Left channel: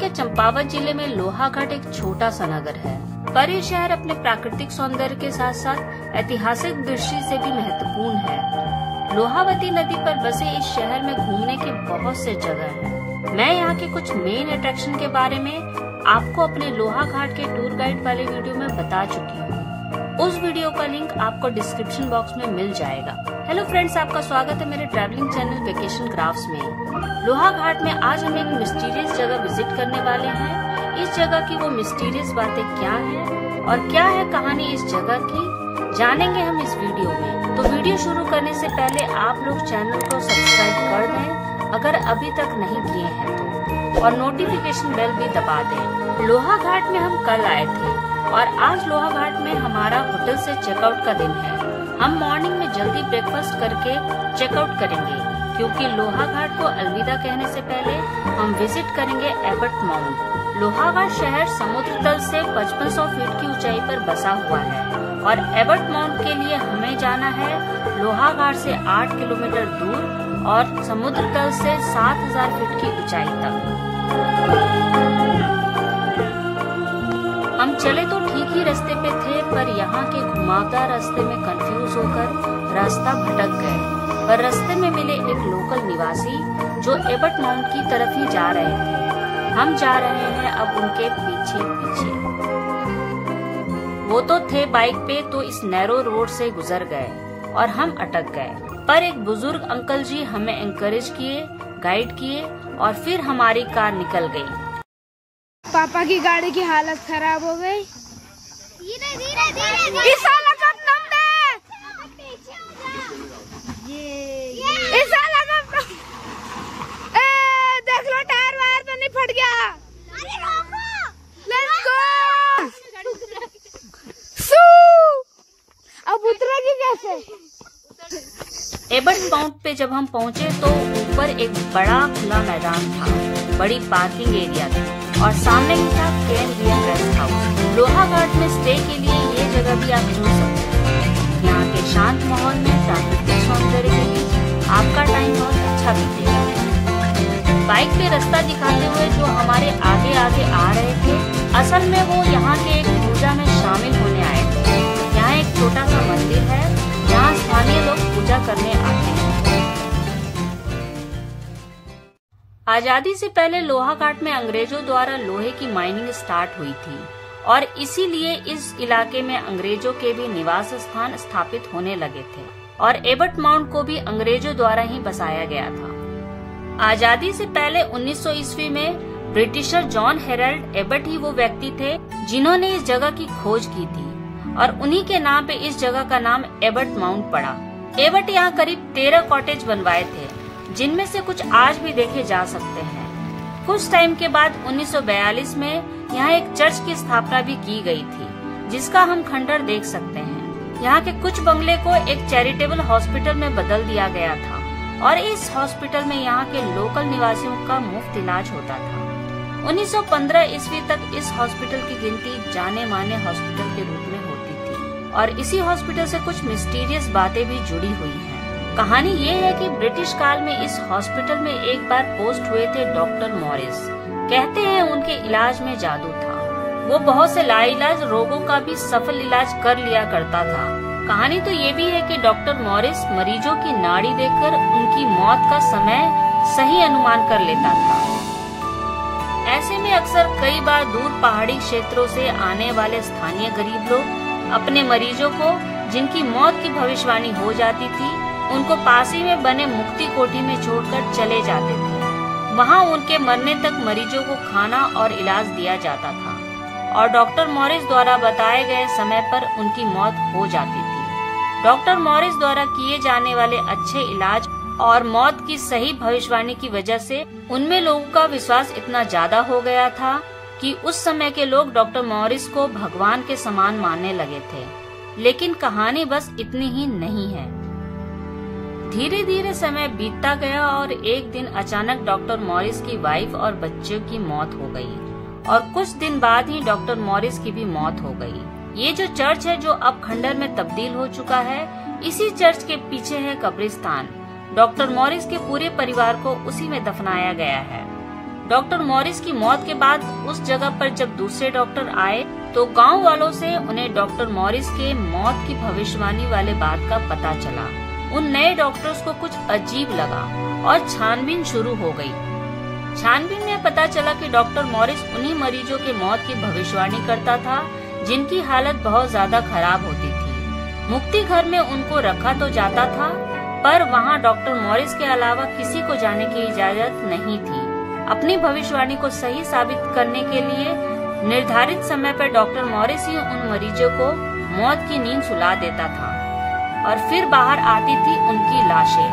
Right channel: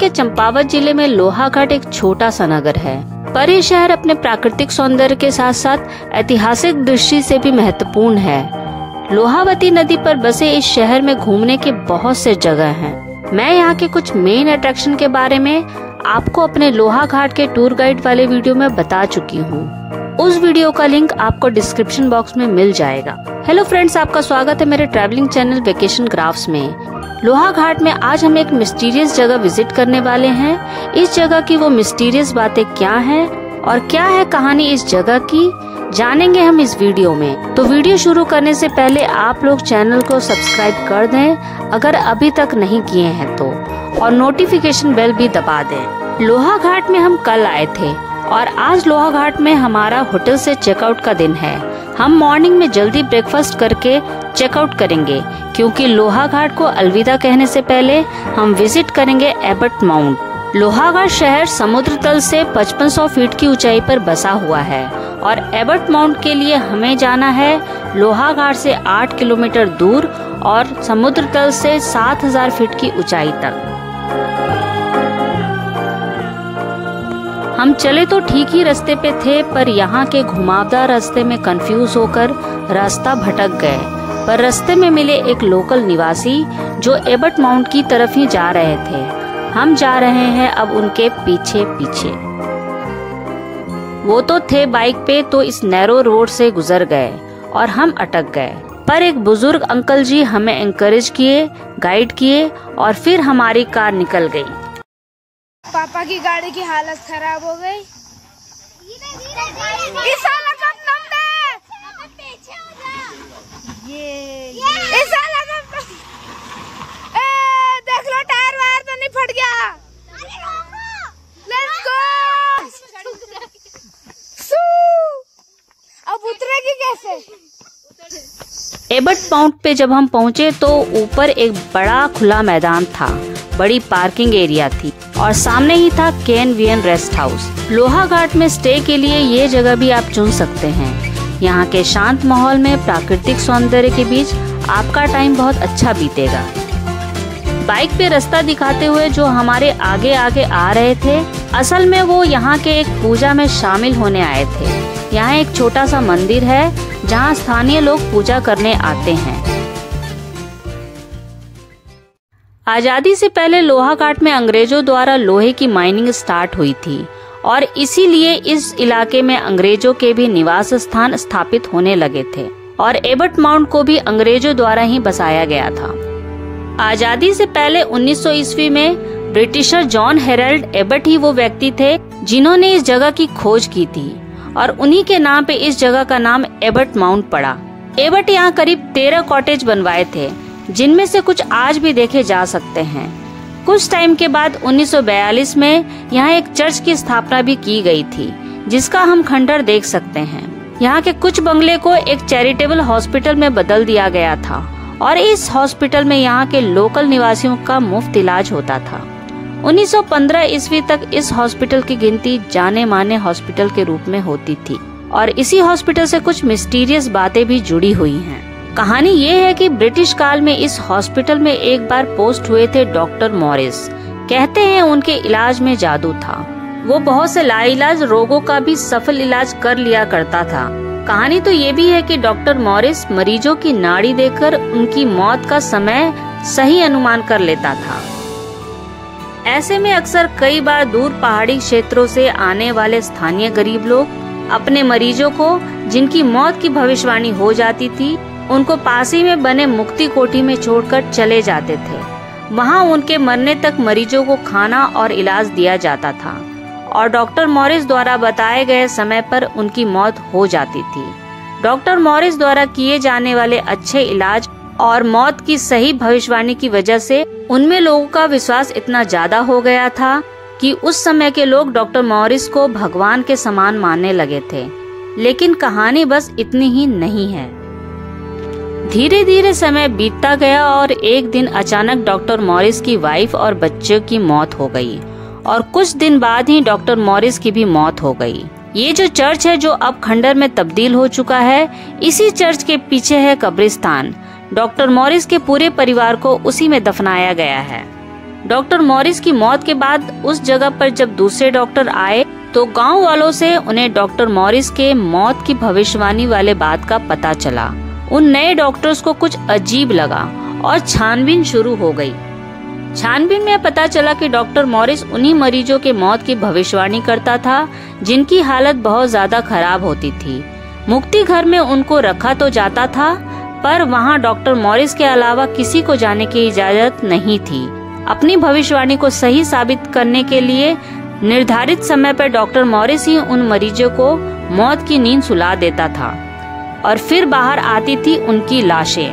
के चंपावत जिले में लोहाघाट एक छोटा सा नगर है, पर ये शहर अपने प्राकृतिक सौंदर्य के साथ साथ ऐतिहासिक दृष्टि से भी महत्वपूर्ण है। लोहावती नदी पर बसे इस शहर में घूमने के बहुत से जगह हैं। मैं यहाँ के कुछ मेन अट्रैक्शन के बारे में आपको अपने लोहाघाट के टूर गाइड वाले वीडियो में बता चुकी हूँ। उस वीडियो का लिंक आपको डिस्क्रिप्शन बॉक्स में मिल जाएगा। हेलो फ्रेंड्स, आपका स्वागत है मेरे ट्रैवलिंग चैनल वेकेशन क्राफ्ट्स में। लोहाघाट में आज हम एक मिस्टीरियस जगह विजिट करने वाले हैं। इस जगह की वो मिस्टीरियस बातें क्या हैं और क्या है कहानी इस जगह की, जानेंगे हम इस वीडियो में। तो वीडियो शुरू करने से पहले आप लोग चैनल को सब्सक्राइब कर दें अगर अभी तक नहीं किए हैं तो, और नोटिफिकेशन बेल भी दबा दें। लोहाघाट में हम कल आए थे और आज लोहाघाट में हमारा होटल से चेकआउट का दिन है। हम मॉर्निंग में जल्दी ब्रेकफास्ट करके चेकआउट करेंगे, क्योंकि लोहाघाट को अलविदा कहने से पहले हम विजिट करेंगे एबट माउंट। लोहाघाट शहर समुद्र तल से 5500 फीट की ऊंचाई पर बसा हुआ है और एबट माउंट के लिए हमें जाना है लोहाघाट से 8 किलोमीटर दूर और समुद्र तल से 7000 फीट की ऊंचाई तक। हम चले तो ठीक ही रास्ते पे थे, पर यहाँ के घुमावदार रास्ते में कंफ्यूज होकर रास्ता भटक गए। पर रास्ते में मिले एक लोकल निवासी जो एबट माउंट की तरफ ही जा रहे थे। हम जा रहे हैं अब उनके पीछे पीछे। वो तो थे बाइक पे, तो इस नैरो रोड से गुजर गए और हम अटक गए। पर एक बुजुर्ग अंकल जी हमें एनकरेज किए, गाइड किए और फिर हमारी कार निकल गई। पापा की गाड़ी की हालत खराब हो गई। देख लो टायर वायर तो नहीं फट गया। Let's go. अब उतरेगी कैसे? एबट माउंट पे जब हम पहुँचे तो ऊपर एक बड़ा खुला मैदान था, बड़ी पार्किंग एरिया थी और सामने ही था KNVN रेस्ट हाउस। लोहाघाट में स्टे के लिए ये जगह भी आप चुन सकते हैं। यहाँ के शांत माहौल में प्राकृतिक सौंदर्य के बीच आपका टाइम बहुत अच्छा बीतेगा। बाइक पे रास्ता दिखाते हुए जो हमारे आगे आगे आ रहे थे, असल में वो यहाँ के एक पूजा में शामिल होने आए थे। यहाँ एक छोटा सा मंदिर है जहाँ स्थानीय लोग पूजा करने आते हैं। आजादी से पहले लोहाघाट में अंग्रेजों द्वारा लोहे की माइनिंग स्टार्ट हुई थी और इसीलिए इस इलाके में अंग्रेजों के भी निवास स्थान स्थापित होने लगे थे और एबट माउंट को भी अंग्रेजों द्वारा ही बसाया गया था। आजादी से पहले 1900 ईस्वी में ब्रिटिशर जॉन हेरल्ड एबट ही वो व्यक्ति थे जिन्होंने इस जगह की खोज की थी और उन्हीं के नाम पे इस जगह का नाम एबट माउंट पड़ा। एबट यहाँ करीब 13 कॉटेज बनवाए थे, जिनमें से कुछ आज भी देखे जा सकते हैं। कुछ टाइम के बाद 1942 में यहाँ एक चर्च की स्थापना भी की गई थी, जिसका हम खंडर देख सकते हैं। यहाँ के कुछ बंगले को एक चैरिटेबल हॉस्पिटल में बदल दिया गया था और इस हॉस्पिटल में यहाँ के लोकल निवासियों का मुफ्त इलाज होता था। 1915 ईस्वी तक इस हॉस्पिटल की गिनती जाने माने हॉस्पिटल के रूप में होती थी और इसी हॉस्पिटल से कुछ मिस्टीरियस बातें भी जुड़ी हुई हैं। कहानी ये है कि ब्रिटिश काल में इस हॉस्पिटल में एक बार पोस्ट हुए थे डॉक्टर मॉरिस। कहते हैं उनके इलाज में जादू था। वो बहुत से लाइलाज रोगों का भी सफल इलाज कर लिया करता था। कहानी तो ये भी है कि डॉक्टर मॉरिस मरीजों की नाड़ी देखकर उनकी मौत का समय सही अनुमान कर लेता था। ऐसे में अक्सर कई बार दूर पहाड़ी क्षेत्रों से आने वाले स्थानीय गरीब लोग अपने मरीजों को, जिनकी मौत की भविष्यवाणी हो जाती थी, उनको पास ही में बने मुक्ति कोठी में छोड़कर चले जाते थे। वहाँ उनके मरने तक मरीजों को खाना और इलाज दिया जाता था और डॉक्टर मॉरिस द्वारा बताए गए समय पर उनकी मौत हो जाती थी। डॉक्टर मॉरिस द्वारा किए जाने वाले अच्छे इलाज और मौत की सही भविष्यवाणी की वजह से उनमें लोगों का विश्वास इतना ज्यादा हो गया था कि उस समय के लोग डॉक्टर मॉरिस को भगवान के समान मानने लगे थे। लेकिन कहानी बस इतनी ही नहीं है। धीरे धीरे समय बीतता गया और एक दिन अचानक डॉक्टर मॉरिस की वाइफ और बच्चों की मौत हो गई और कुछ दिन बाद ही डॉक्टर मॉरिस की भी मौत हो गई। ये जो चर्च है जो अब खंडर में तब्दील हो चुका है, इसी चर्च के पीछे है कब्रिस्तान। डॉक्टर मॉरिस के पूरे परिवार को उसी में दफनाया गया है। डॉक्टर मॉरिस की मौत के बाद उस जगह पर जब दूसरे डॉक्टर आए तो गांव वालों से उन्हें डॉक्टर मॉरिस के मौत की भविष्यवाणी वाले बात का पता चला। उन नए डॉक्टर्स को कुछ अजीब लगा और छानबीन शुरू हो गई। छानबीन में पता चला कि डॉक्टर मॉरिस उन्हीं मरीजों के मौत की भविष्यवाणी करता था जिनकी हालत बहुत ज्यादा खराब होती थी। मुक्ति घर में उनको रखा तो जाता था, पर वहाँ डॉक्टर मॉरिस के अलावा किसी को जाने की इजाजत नहीं थी। अपनी भविष्यवाणी को सही साबित करने के लिए निर्धारित समय पर डॉक्टर मॉरिस ही उन मरीजों को मौत की नींद सुला देता था और फिर बाहर आती थी उनकी लाशें।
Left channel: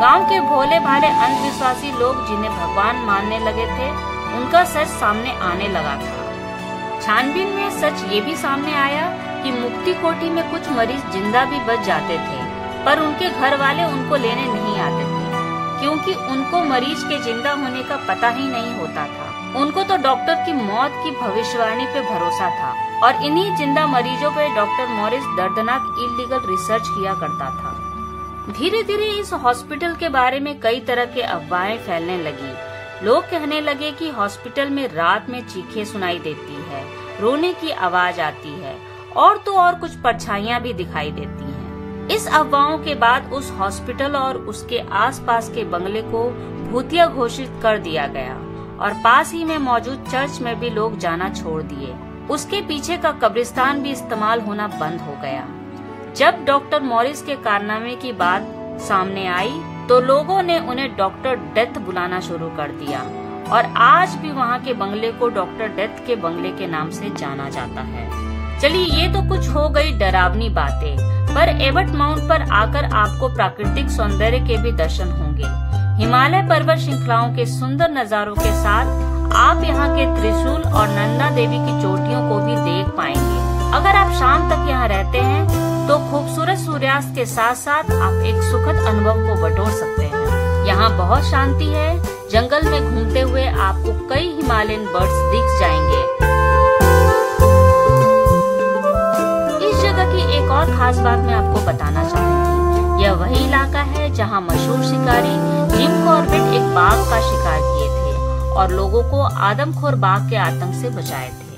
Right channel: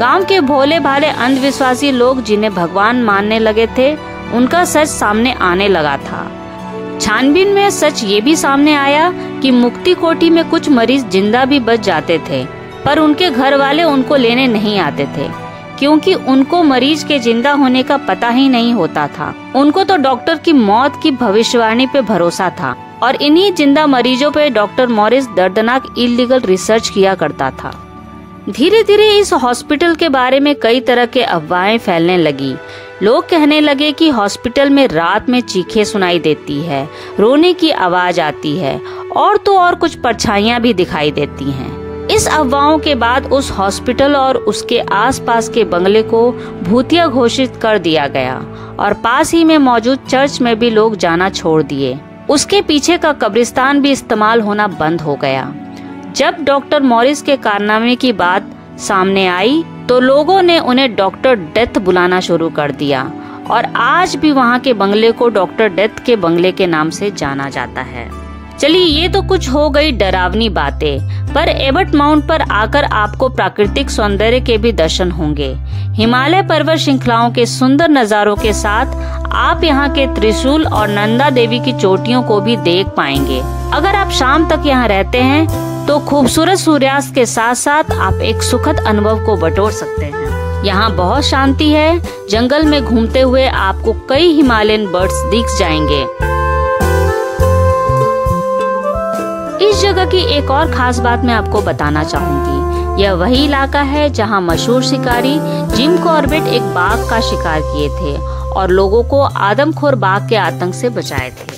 गांव के भोले भाले अंधविश्वासी लोग जिन्हें भगवान मानने लगे थे, उनका सच सामने आने लगा था। छानबीन में सच ये भी सामने आया कि मुक्ति कोठी में कुछ मरीज जिंदा भी बच जाते थे, पर उनके घर वाले उनको लेने नहीं आते थे क्योंकि उनको मरीज के जिंदा होने का पता ही नहीं होता था। उनको तो डॉक्टर की मौत की भविष्यवाणी पे भरोसा था और इन्हीं जिंदा मरीजों पे डॉक्टर मॉरिस दर्दनाक इलीगल रिसर्च किया करता था। धीरे धीरे इस हॉस्पिटल के बारे में कई तरह के अफवाहें फैलने लगी। लोग कहने लगे कि हॉस्पिटल में रात में चीखें सुनाई देती है, रोने की आवाज आती है और तो और कुछ परछाइयां भी दिखाई देती हैं। इस अफवाहों के बाद उस हॉस्पिटल और उसके आसपास के बंगले को भूतिया घोषित कर दिया गया और पास ही में मौजूद चर्च में भी लोग जाना छोड़ दिए। उसके पीछे का कब्रिस्तान भी इस्तेमाल होना बंद हो गया। जब डॉक्टर मॉरिस के कारनामे की बात सामने आई तो लोगों ने उन्हें डॉक्टर डेथ बुलाना शुरू कर दिया और आज भी वहाँ के बंगले को डॉक्टर डेथ के बंगले के नाम से जाना जाता है। चलिए, ये तो कुछ हो गई डरावनी बातें, पर एबट माउंट पर आकर आपको प्राकृतिक सौंदर्य के भी दर्शन होंगे। हिमालय पर्वत श्रृंखलाओं के सुंदर नजारों के साथ आप यहाँ के त्रिशूल और नंदा देवी की चोटियों को भी देख पाएंगे। अगर आप शाम तक यहाँ रहते हैं तो खूबसूरत सूर्यास्त के साथ साथ आप एक सुखद अनुभव को बटोर सकते हैं। यहाँ बहुत शांति है। जंगल में घूमते हुए आपको कई हिमालयन बर्ड्स दिख जाएंगे। इस जगह की एक और खास बात मैं आपको बताना चाहूंगी। यह वही इलाका है जहाँ मशहूर शिकारी जिम कॉर्बेट एक बाघ का शिकार किए थे और लोगों को आदमखोर बाघ के आतंक से बचाए थे।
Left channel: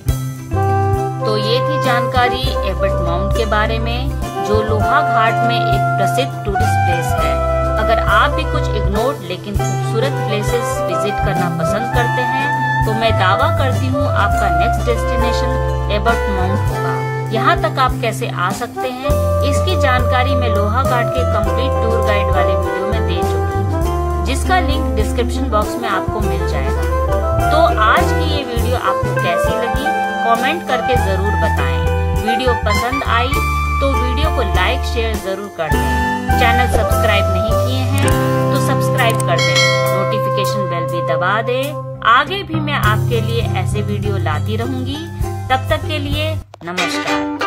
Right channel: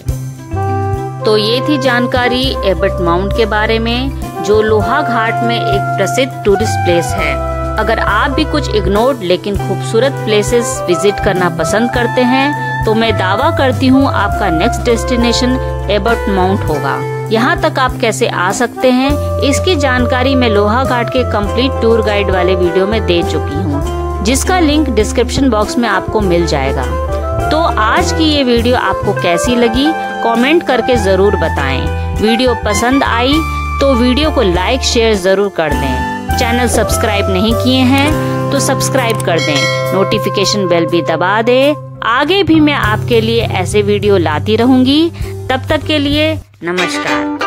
तो ये थी जानकारी एबट माउंट के बारे में, जो लोहा घाट में एक प्रसिद्ध टूरिस्ट प्लेस है। अगर आप भी कुछ इग्नोर्ड लेकिन खूबसूरत प्लेसेस विजिट करना पसंद करते हैं तो मैं दावा करती हूँ आपका नेक्स्ट डेस्टिनेशन एबट माउंट होगा। यहाँ तक आप कैसे आ सकते हैं इसकी जानकारी मैं लोहा घाट के कंप्लीट टूर गाइड वाले वीडियो में दे चुकी हूँ, जिसका लिंक डिस्क्रिप्शन बॉक्स में आपको मिल जाएगा। तो आज की ये वीडियो आपको कैसी लगी कमेंट करके जरूर बताएं। वीडियो पसंद आई तो वीडियो को लाइक शेयर जरूर कर दें। चैनल सब्सक्राइब नहीं किए हैं तो सब्सक्राइब कर दें, नोटिफिकेशन बेल भी दबा दें। आगे भी मैं आपके लिए ऐसे वीडियो लाती रहूंगी। तब तक के लिए नमस्कार।